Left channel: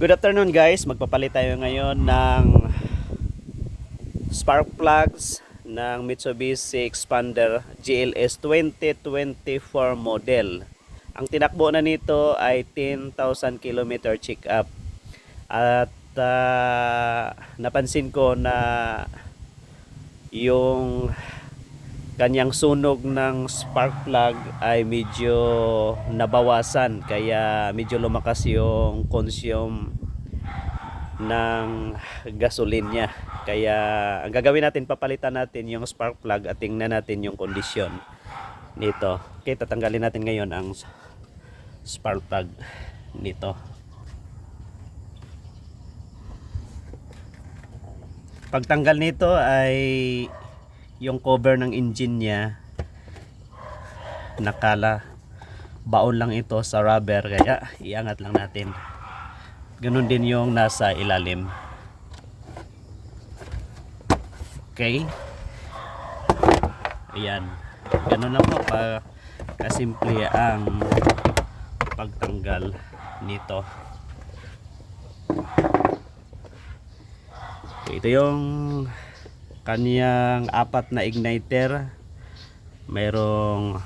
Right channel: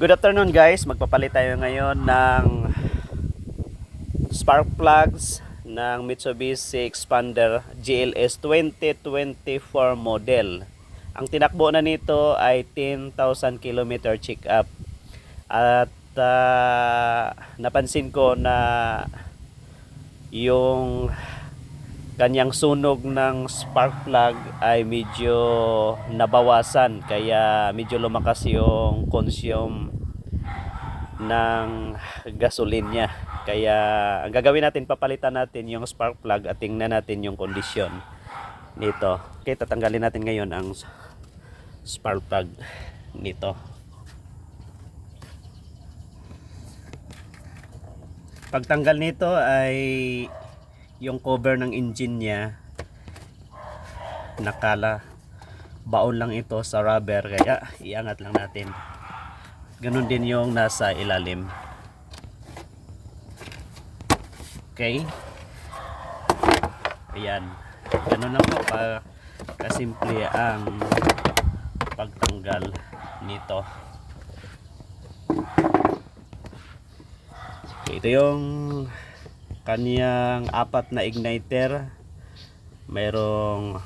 Good afternoon guys, magpapalit tayo ngayon ng spark plugs ng Mitsubishi Expander GLS 2024 model. Ang tinakbo na nito ay 10,000 km check up. At napansin ko na yung kanyang sunog ng spark plug ay medyo nabawasan, kaya medyo lumakas yung consume ng gasoline niya. Kaya ang gagawin natin, papalitan natin yung spark plug at tingnan natin yung kondisyon nito. Okay, tatanggalin natin ngayon ang spark plug nito. Pagtanggal nito ay yung cover ng engine niya nakala baon lang ito sa rubber, kaya iangat lang natin. Ganun din yung nasa ilalim. Okay, ayan, ganun lang po kasimple ang pagtanggal nito. Okay, ito yung kaniyang apat na igniter, mayroong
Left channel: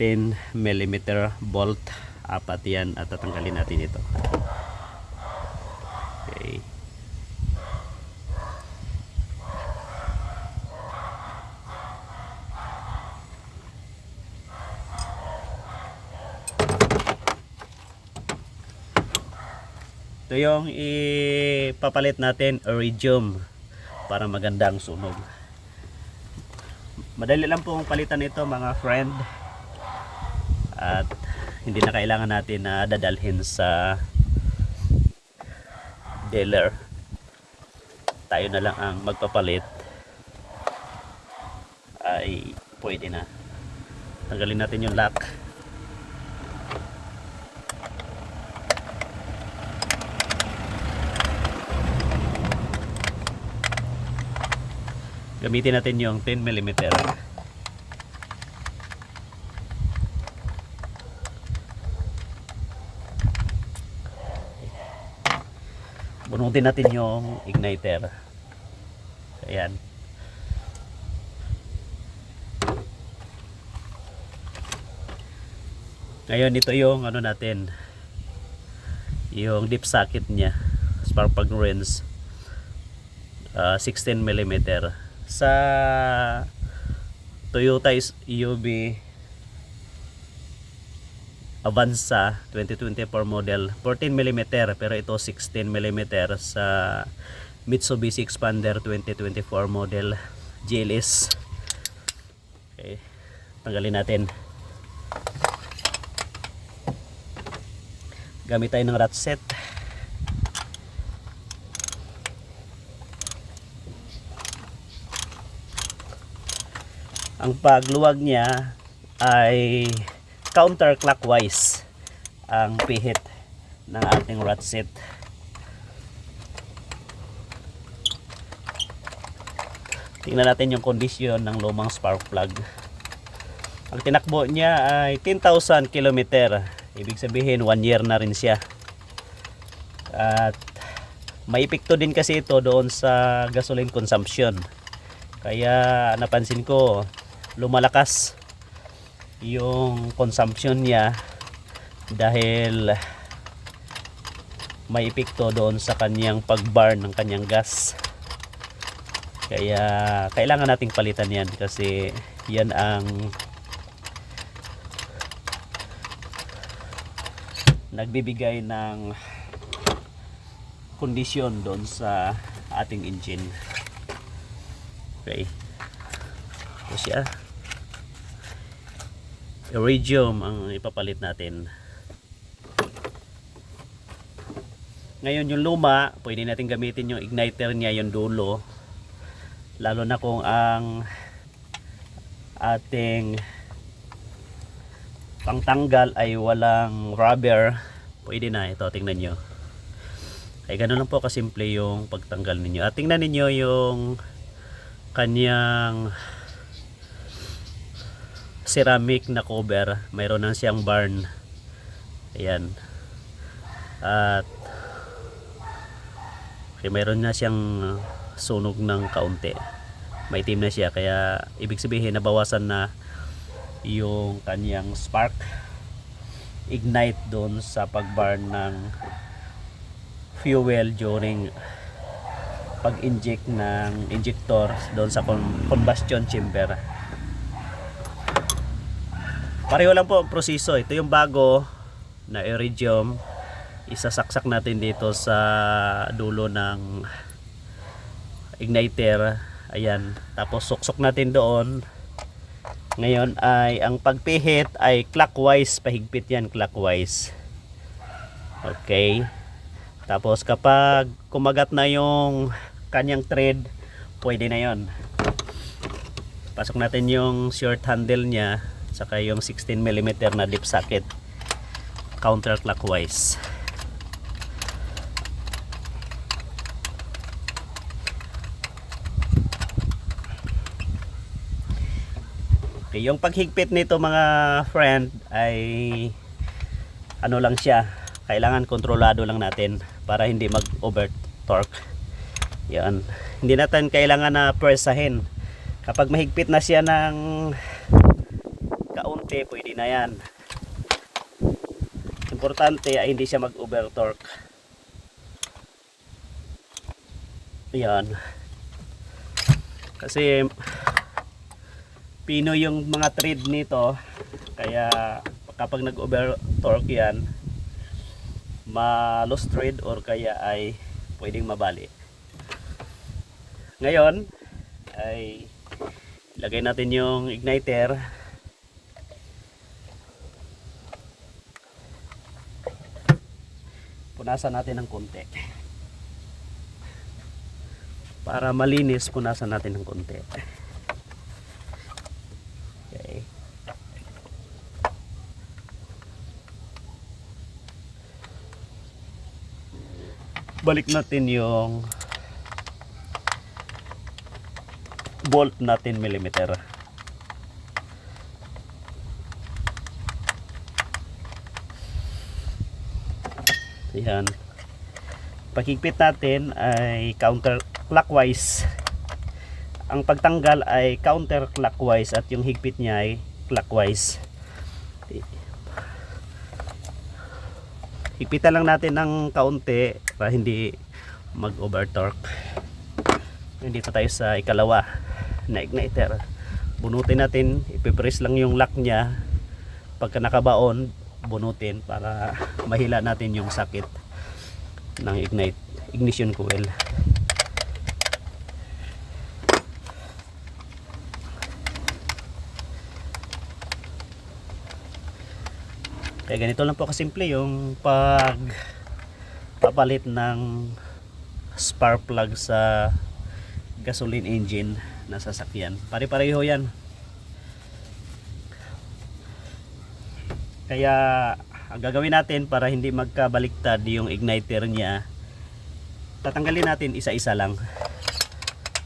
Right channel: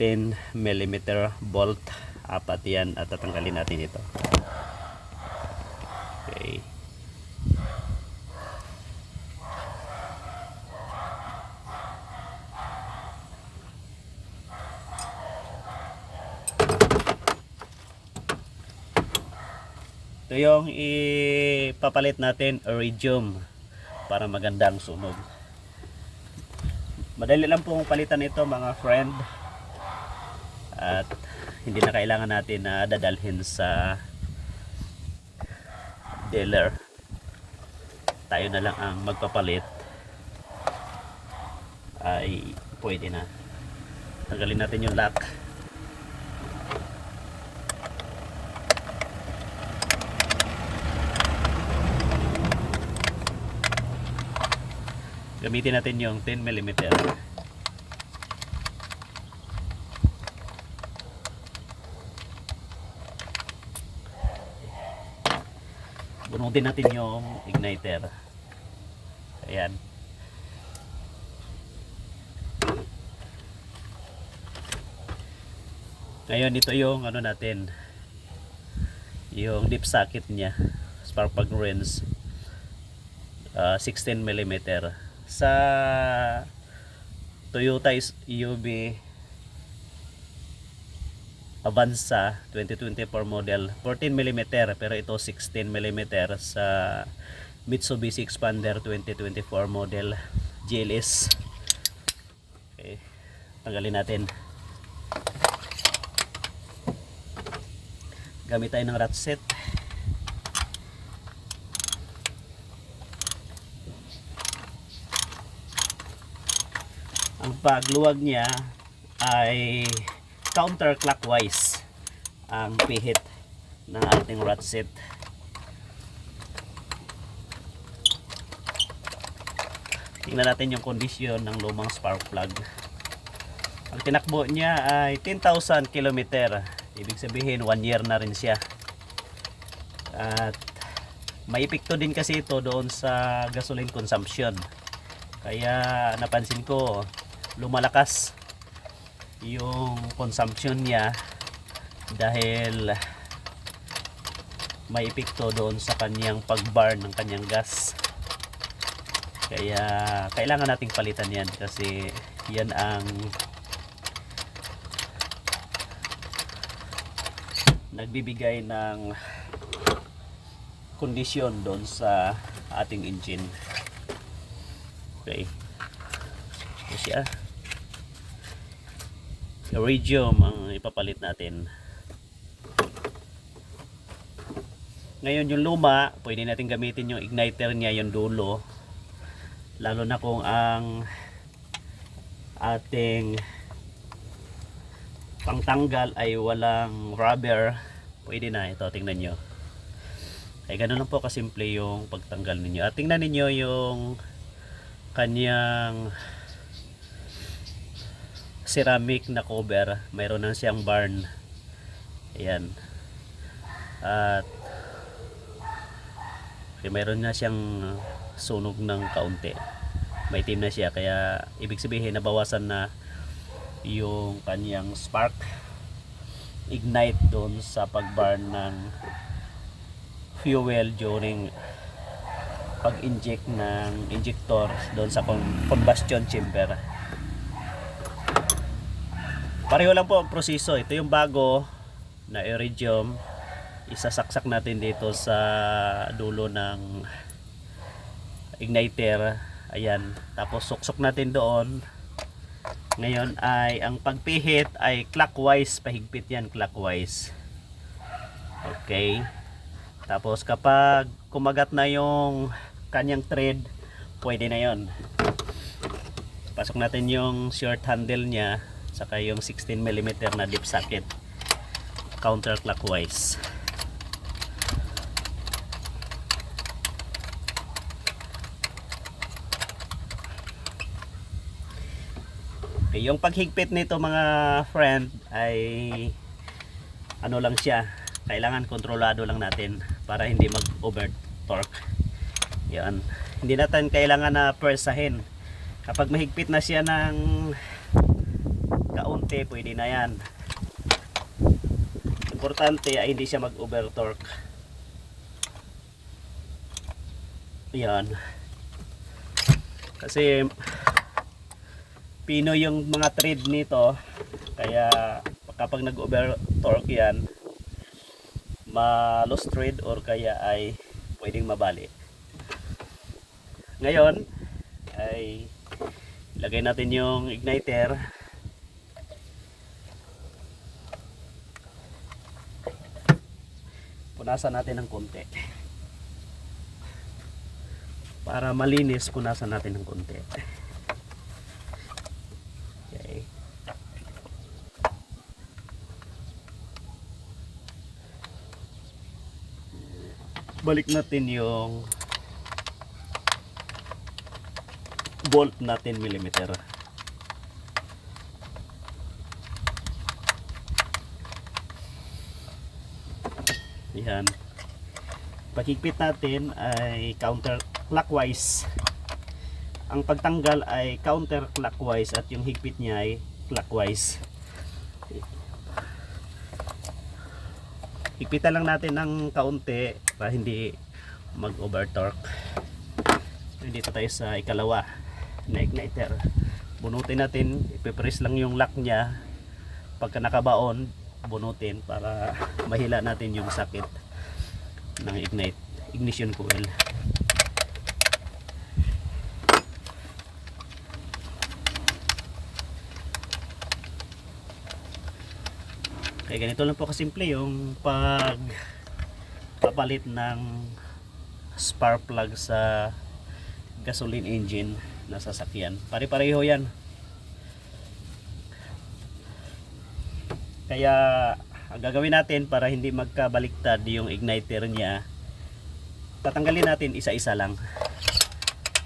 10mm bolt, apat yan, at tatanggalin natin ito. Okay, ito yung ipapalit natin, iridium, para maganda ang sunog. Madali lang pong palitan ito mga friend, at hindi na kailangan natin na dadalhin sa dealer. Tayo na lang ang magpapalit, ay pwede na. Tanggalin natin yung lock. Gamitin natin yung 10mm. Bunutin natin yung igniter. Ayan. Ngayon ito yung ano natin, yung dip socket niya, spark plug rinse, 16mm. Sa Toyota EUV Avanza 2024 model 14mm, pero ito 16mm sa Mitsubishi Expander 2024 model GLS. Okay, tanggalin natin. Gamit tayo ng ratchet. Ang pagluwag niya ay counterclockwise ang pihit ng ating ratchet. Tingnan natin yung kondisyon ng lumang spark plug. Ang tinakbo niya ay 10,000 km. Ibig sabihin 1 year na rin siya. At may epekto din kasi ito doon sa gasoline consumption. Kaya napansin ko lumalakas yung consumption niya dahil may epekto doon sa kanyang pag-burn ng kanyang gas. Kaya kailangan nating palitan yan, kasi yan ang nagbibigay ng kondisyon doon sa ating engine. Okay, ito siya. Iridium ang ipapalit natin. Ngayon yung luma, pwede natin gamitin yung igniter niya, yung dulo, lalo na kung ang ating pangtanggal ay walang rubber. Pwede na ito, tingnan nyo. Ay ganun lang po kasimple yung pagtanggal ninyo. At tingnan ninyo yung kanyang ceramic na cover, mayroon nang siyang barn. Ayan. At mayroon na siyang sunog ng kaunti. May itim na siya, kaya ibig sabihin nabawasan na yung kanyang spark ignite doon sa pag-burn ng fuel during pag-inject ng injector doon sa combustion chamber. Pareho lang po ang proseso. Ito yung bago na iridium, isasaksak natin dito sa dulo ng igniter. Ayan, tapos suksok natin doon. Ngayon ay ang pagpihit ay clockwise, pahigpit yan, clockwise. Okay, tapos kapag kumagat na yung kanyang thread, pwede na yon. Pasok natin yung short handle nya saka yung 16mm na dip socket counterclockwise. Okay, yung paghigpit nito mga friend ay ano lang siya, kailangan kontrolado lang natin para hindi mag over torque. Yan, hindi natin kailangan na pwersahin. Kapag mahigpit na siya ng kaunti, pwede na yan. Importante ay hindi siya mag over torque. Yan, kasi pino yung mga thread nito, kaya kapag nag over torque yan, ma-lost thread or kaya ay pwedeng mabali. Ngayon ay lagay natin yung igniter. Punasan natin ng konti para malinis. Punasan natin ng konti. Balik natin yung bolt natin millimeter. Yan. Paghigpit natin ay counterclockwise. Ang pagtanggal ay counterclockwise at yung higpit niya ay clockwise. Higpitan lang natin ng kaunti para hindi mag over torque. Dito tayo sa ikalawa na igniter. Bunutin natin, ipipress lang yung lock nya. Pagka nakabaon, bunutin para mahila natin yung sakit ng ignition coil. Kaya ganito lang po kasimple yung pagpapalit ng spark plug sa gasoline engine na sasakyan. Pare-pareho yan. Kaya ang gagawin natin para hindi magkabaliktad yung igniter niya, tatanggalin natin isa-isa lang.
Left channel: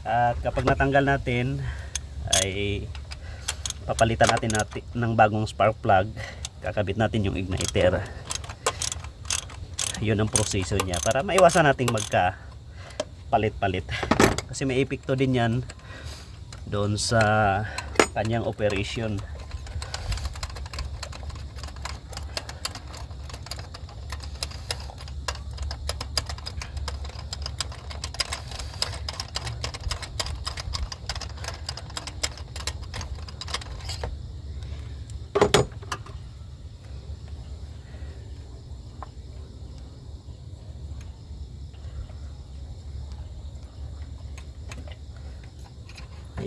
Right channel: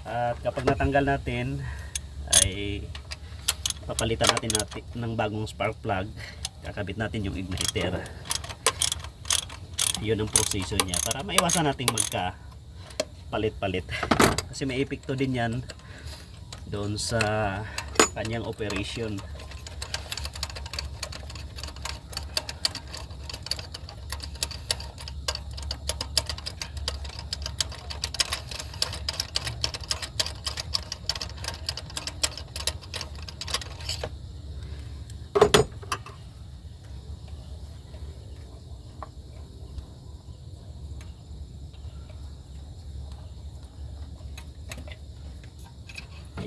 At kapag natanggal natin ay papalitan natin ng bagong spark plug. Kakabit natin yung igniter. Yun ang proseso niya para maiwasan nating magka palit-palit, kasi may epekto din yan doon sa kanyang operation.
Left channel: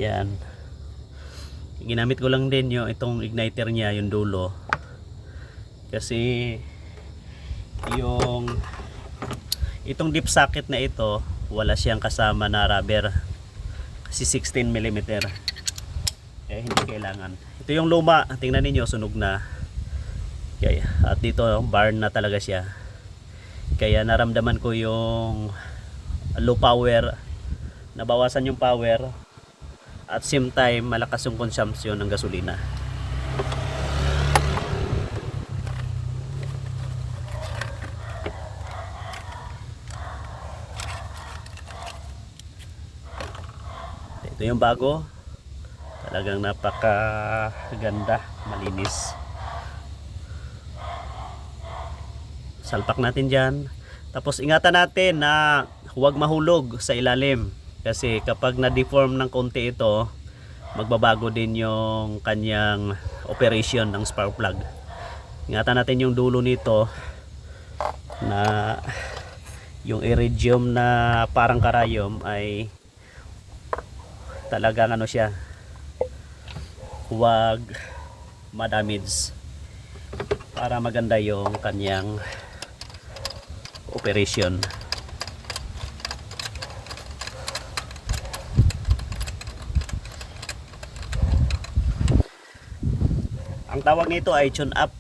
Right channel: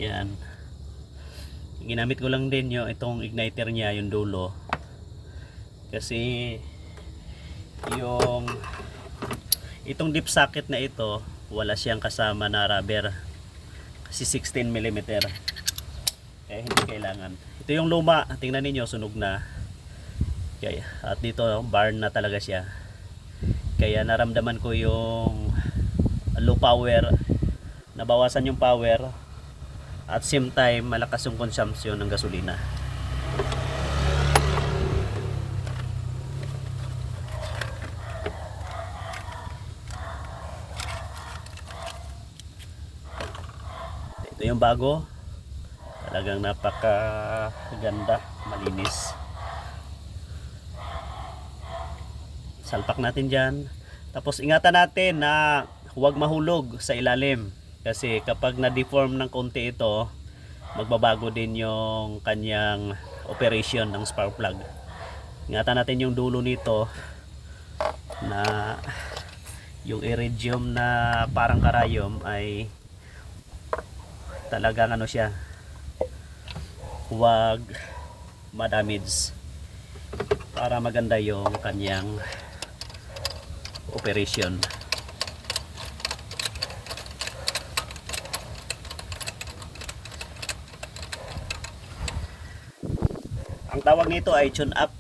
Yan, ginamit ko lang din yung itong igniter niya, yung dulo, kasi yung itong dip socket na ito wala siyang kasama na rubber, kasi 16mm, eh hindi kailangan. Ito yung luma, tingnan niyo sunog na. Okay. At dito burn na talaga siya, kaya naramdaman ko yung low power, nabawasan yung power. At same time, malakas yung consumption ng gasolina. Ito yung bago. Talagang napakaganda, malinis. Salpak natin dyan. Tapos ingatan natin na huwag mahulog sa ilalim. Kasi kapag na-deform ng konti ito, magbabago din yung kanyang operation ng spark plug. Ingatan natin yung dulo nito na yung iridium na parang karayom ay talagang ano siya, huwag madamage para maganda yung kanyang operation. Ang tawag nito ay tune up.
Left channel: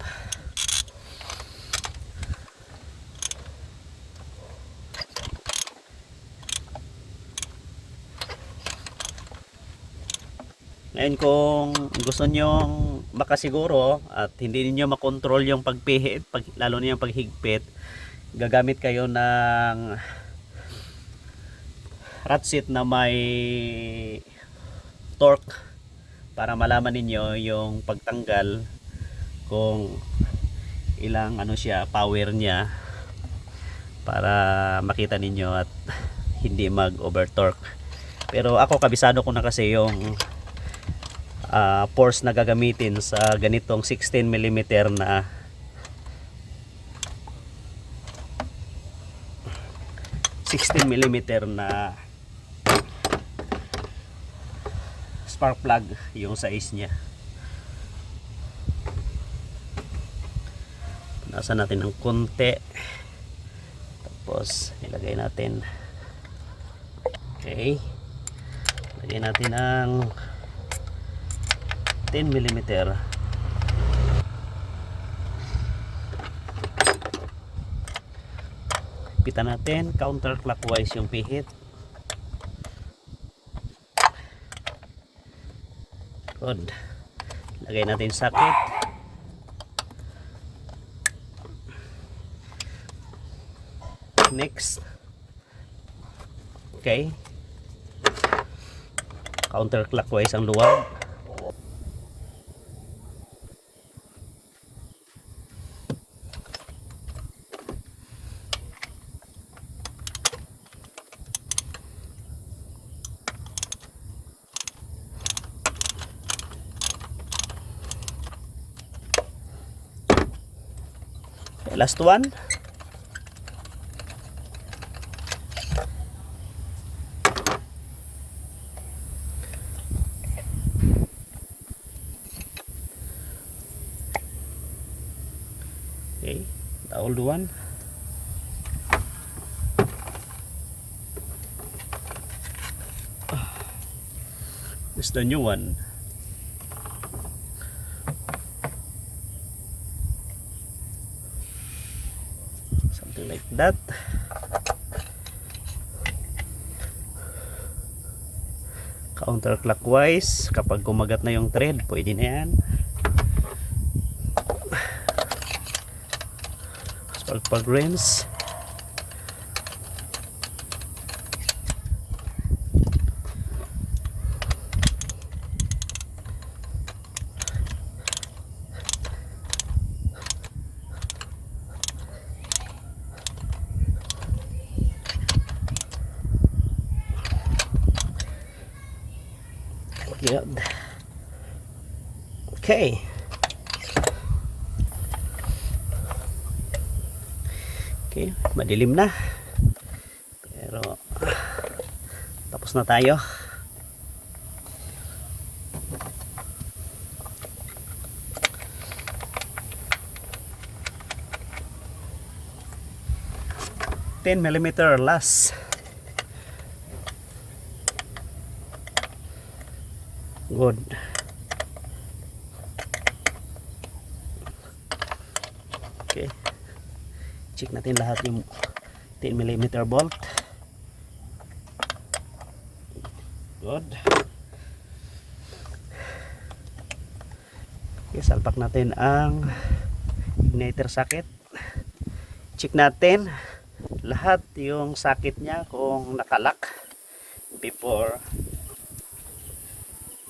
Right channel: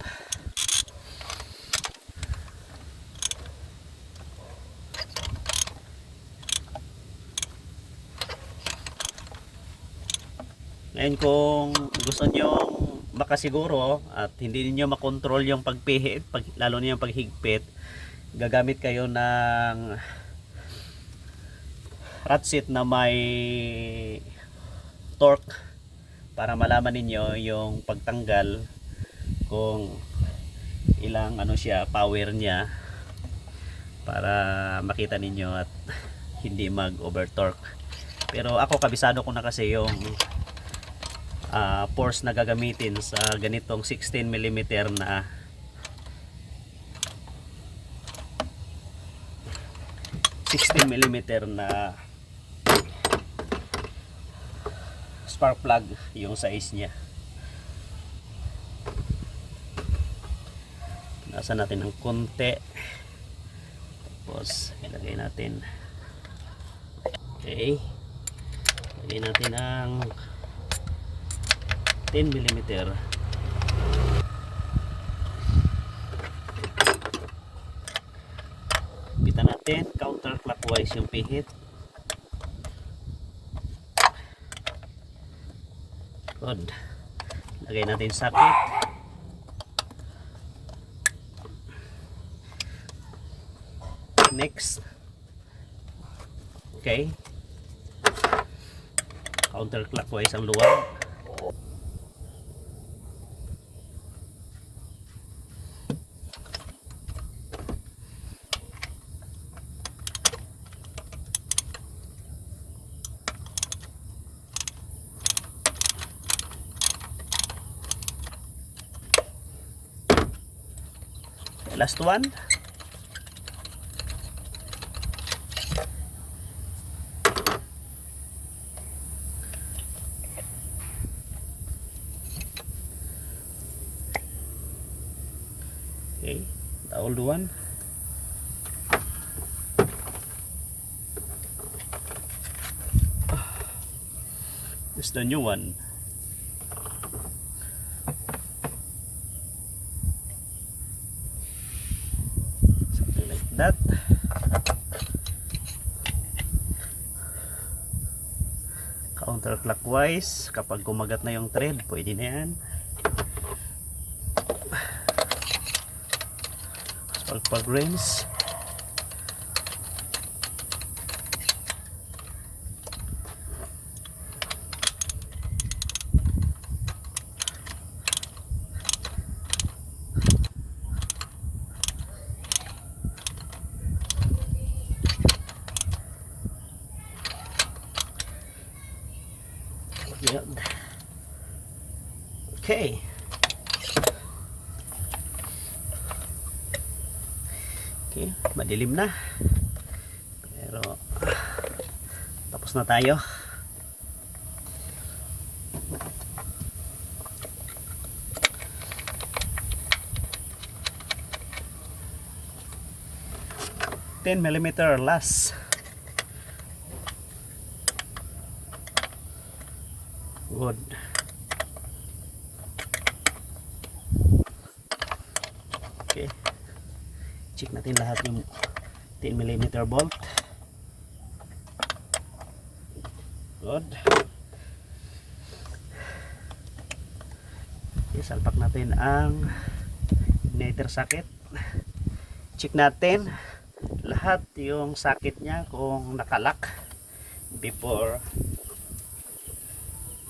Ngayon kung gusto nyo makasiguro at hindi niyo makontrol yung pagpihit, lalo na yung paghigpit, gagamit kayo ng ratchet na may torque para malaman ninyo yung pagtanggal kung ilang ano siya, power niya, para makita ninyo at hindi mag over torque. Pero ako kabisado ko na kasi yung force na gagamitin sa ganitong 16mm na spark plug, yung size niya. Nasa natin ng konti, tapos ilagay natin. Okay, ilagay natin ang 10mm. Bitan natin counterclockwise yung pihit. Good. Lagay natin socket. Next. Okay. Counterclockwise ang luwag. Last one. Okay, the old one. This is the new one. Like that. Counterclockwise, kapag kumagat na yung thread, pwede na yan. Spark plug rinse. Good. Okay. Okay, madilim na. Pero tapos na tayo. $10mm last. Good. Okay. Check natin lahat yung 10mm bolt. Good. Okay, salpak natin ang igniter socket. Check natin lahat yung socket niya kung nakalak before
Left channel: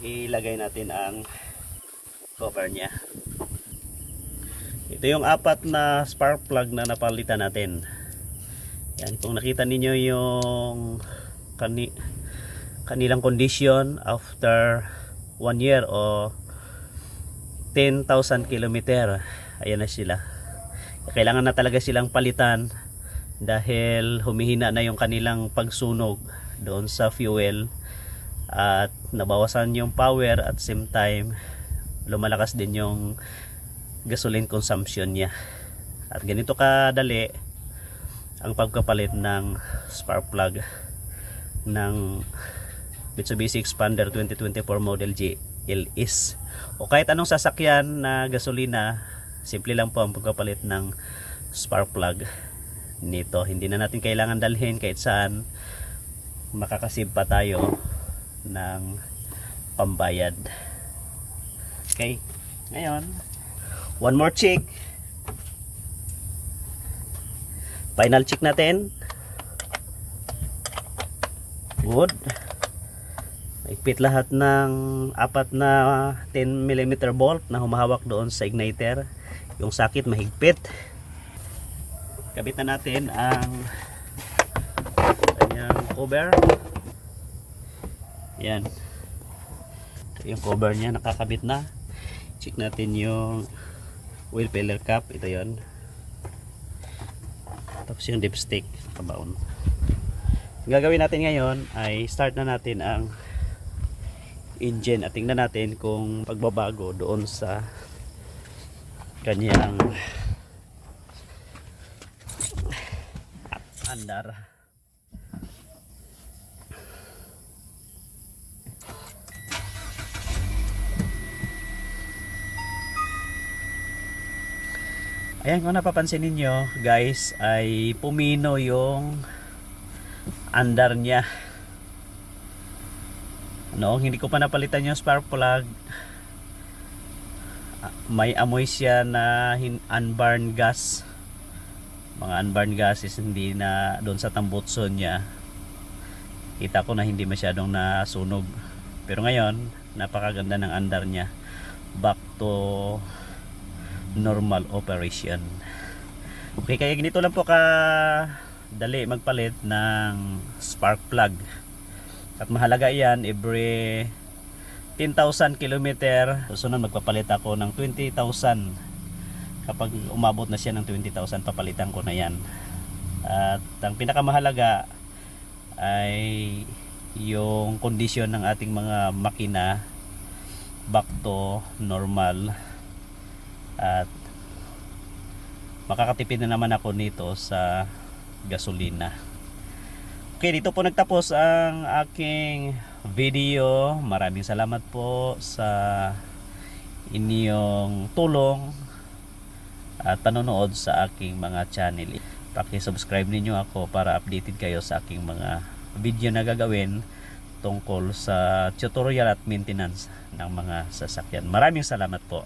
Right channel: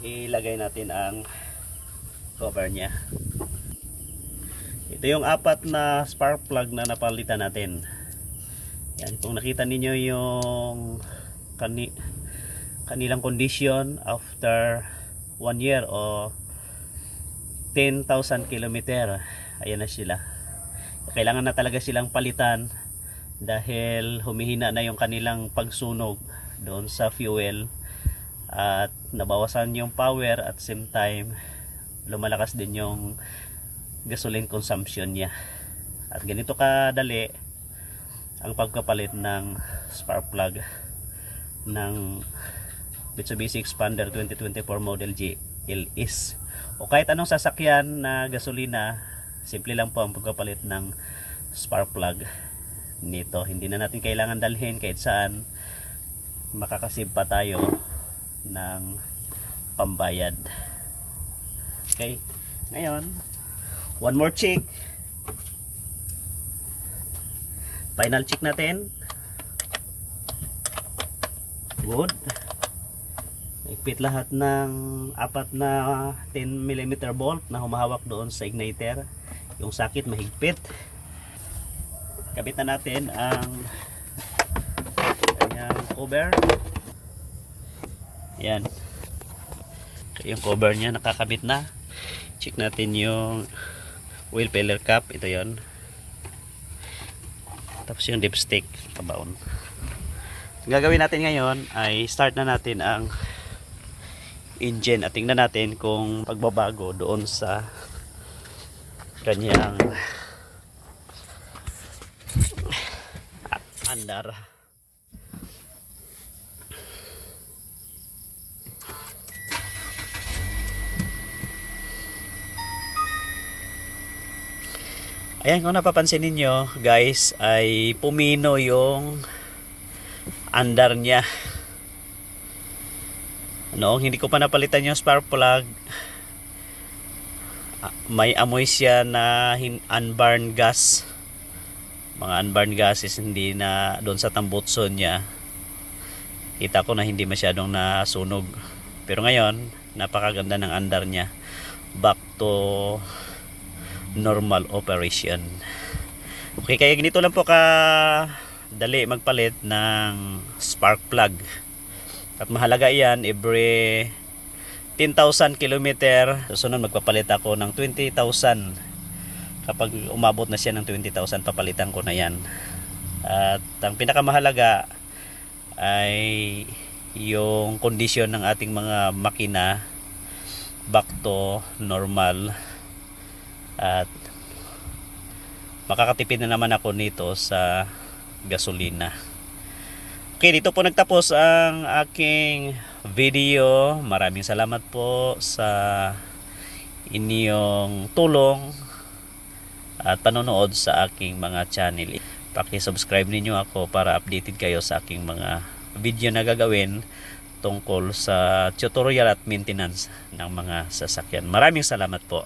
ilagay natin ang cover niya. Ito yung apat na spark plug na napalitan natin. Yan, kung nakita ninyo yung kanilang condition after 1 year o 10,000 kilometer, ayan na sila. Kailangan na talaga silang palitan dahil humihina na yung kanilang pagsunog doon sa fuel at nabawasan yung power at same time lumalakas din yung gasoline consumption niya. At ganito kadali ang pagkapalit ng spark plug ng Mitsubishi Expander 2024 Model G LS o kahit anong sasakyan na gasolina. Simple lang po ang pagkapalit ng spark plug nito. Hindi na natin kailangan dalhin kahit saan, makakasave pa tayo ng pambayad. Okay, ngayon one more check, final check natin. Good. Naipit lahat ng apat na 10mm bolt na humahawak doon sa igniter. Yung sakit mahigpit. Kabit na natin ang kanyang cover. Yan. Yung cover niya nakakabit na. Check natin yung wheel filler cap. Ito yon. Tapos yung dipstick kabaon. Gagawin natin ngayon ay start na natin ang engine at tingnan natin kung pagbabago doon sa kanyang andar. Ayan, kung napapansin ninyo guys ay pumino yung andar niya. Noong hindi ko pa napalitan yung spark plug, may amoy siya na unburned gas. Mga unburned gases hindi na doon sa tambutson niya. Kita ko na hindi masyadong nasunog. Pero ngayon, napakaganda ng andar niya. Back to normal operation. Okay, kaya ganito lang po ka dali magpalit ng spark plug. At mahalaga yan every 10,000 kilometer. Susunod magpapalit ako ng 20,000. Kapag umabot na siya ng 20,000 papalitan ko na yan. At ang pinakamahalaga ay yung kondisyon ng ating mga makina back to normal. At makakatipid na naman ako nito sa gasolina. Okay, dito po nagtapos ang aking video. Maraming salamat po sa inyong tulong at panonood sa aking mga channel. Paki-subscribe ninyo ako para updated kayo sa aking mga video na gagawin tungkol sa tutorial at maintenance ng mga sasakyan. Maraming salamat po.